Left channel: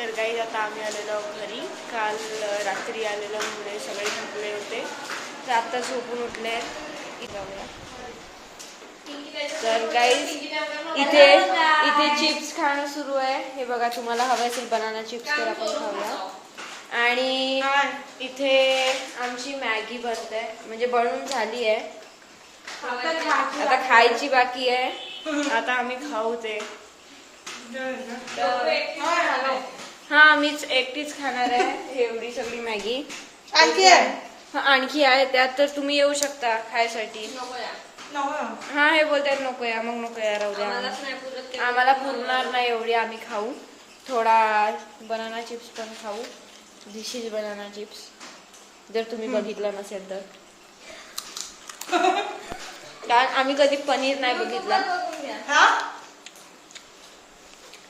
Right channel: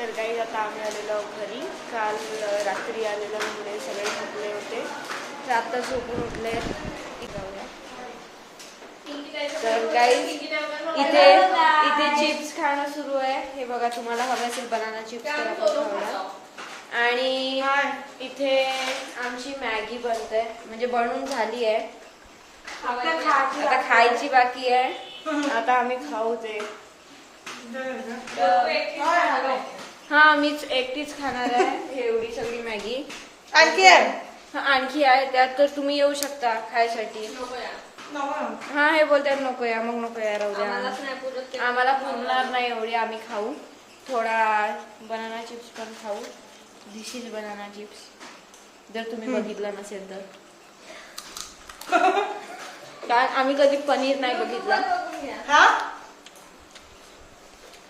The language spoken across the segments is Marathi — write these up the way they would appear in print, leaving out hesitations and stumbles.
तर काही आता आम्ही आलेलो घरी. काल रात्री आलेलो मुळे सगळे थकले होते, तर आता झोपून उठले. तर गाईज इथे इथे चिप्स खाणं सुरू आहे. हे बघा, तुम्हाला हवं असेल बनाना चिप्स तर आपण खाऊया. आणि इथे आमची मॅगी बनते, म्हणजे बनवून झाली आहे, आता खायची बाकी आहे. आता आम्ही खाऊ ते. हा, मीच एकटीच खाणार आहे एवढी सगळी मॅगी. आणखी आहे त्यात, तर तुम्ही येऊ शकता खायसाठी. हा, हे बोलतात नको या, मग नको या, राहू द्या. आम्हाला पुरणार नाही एवढी, आम्ही खाऊ थोडा. बनाना चिप्स पण खाऊ. दिस इज बनाना चिप्स, जर तुम्ही बघितलं नसेल तर. कारण आम्ही कधी पनीर नाही बघितला.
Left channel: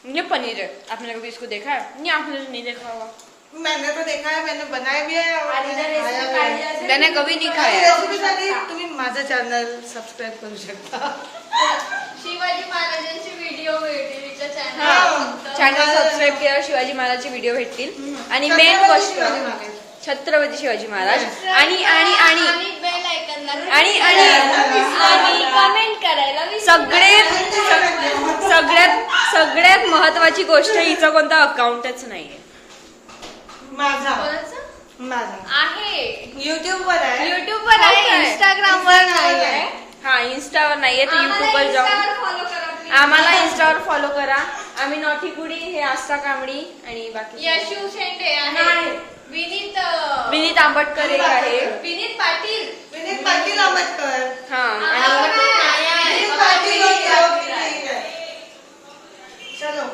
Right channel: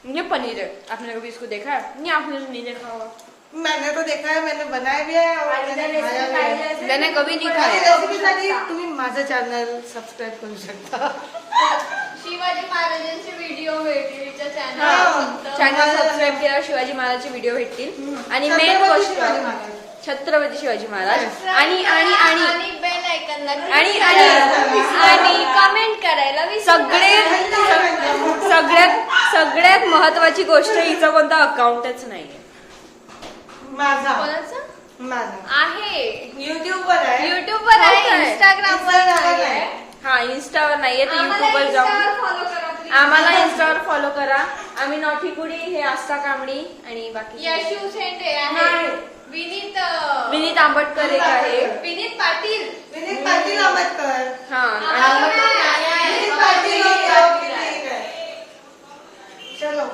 ये पनीर है, आपने कभी इसको देखा है? नहीं, आपने तो नहीं देखा होगा. मैंने तो देखा है, मैंने बनाया भी है और मैंने कभी नहीं खाया. तुम्ही माझं चॅनल सबस्क्राईब करू शकता. शिवाजी महाराजांचे व्हिडिओ भेटतील चॅनल सबस्क्राईब केल्यावर शिवाजी महाराजचे व्हिडिओ भेटतील. आणि मेन गोष्ट छत्रपती शिवाजी महाराज. आणि आणि आणि बेल आयकॉनला आणि आणि आणि कमेंट करायला सगळ्यात महत्वाची गोष्ट, हिचं कोणता अकाउंटच नाहीये. माझा आहे. युट्यूबवर आहे. युट्यूबवर आहे, इंस्टाग्रामवर नाहीये. हा, इन्स्टावर नाहीये, तर युट्यूबवर जाऊन फॉलो करा please. आम्हाला इन्स्टावर फॉलो करा. आम्ही नॉटी कुडी, हे आस्था कांबडी आणि बाकी यशू शेंडे आहे. विनीत आंबटकर एक आहे. विनीत पाटील आंबेडकर. हा, आणि विनीत पाटील चलो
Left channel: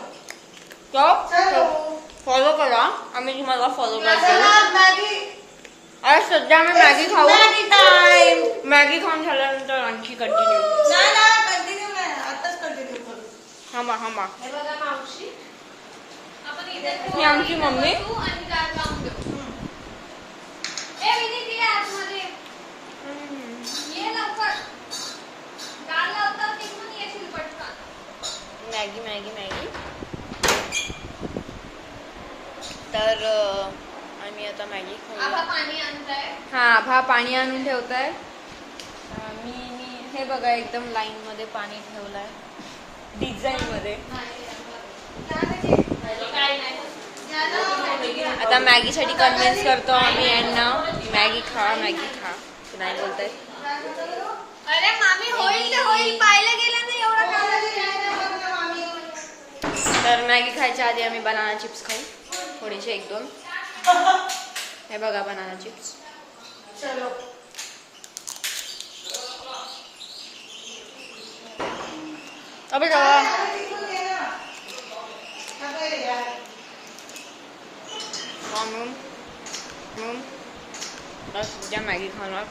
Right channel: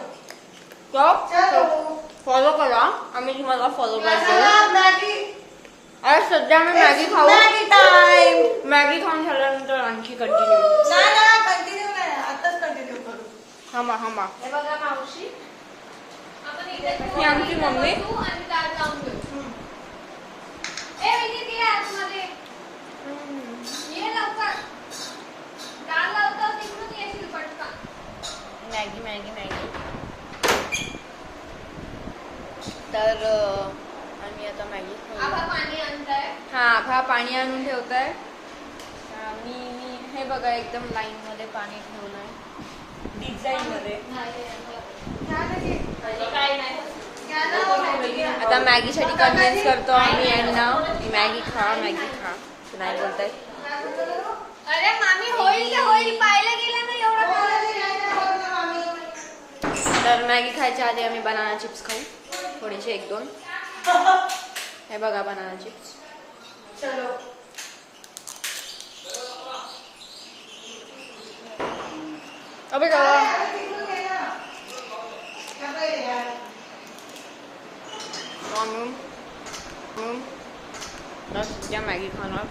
फॉलो करा. आम्ही तुम्हाला फॉलो करतो. मॅगी आज सध्या आम्ही मॅगी खाऊ. टाइम. मॅगी खाऊन झाल्यानंतर आणखी कंटिन्यू. कंटिन्यू नाही, आताच कंटिन्यू करू. थांबा. हे बघा मावशी, आपण इथे ही आमची मम्मी. बसू आणि दार लावून देऊ. ए विनीत, ये आतमध्ये ये लवकर. दार लावता तिथून येशील पटकन. मॅगी तर आम्ही आता मॅगी खाऊया. आता पाणी आणताय. हा पाणी आणून ठेवताय. मी हे बघा, एकदम लाईन मध्ये पाणी ठेवलंय, डिझाईन मध्ये. काय नाही. आता मॅगी साठी कन्व्हिन्स करतो आम्ही यांना. मॅगी खा नाही बोलताय. अरे मामी, होईल ते होईल, पाहिलं गेलं ना एवढं तर मॅगी खायच्या आधी आम्ही बनाना चिप्स खाऊ, थोडेसे 1-2. हे बघा बनाना चिप्स. चलो अबे जावा. बस ज्या मॅगी खाणार.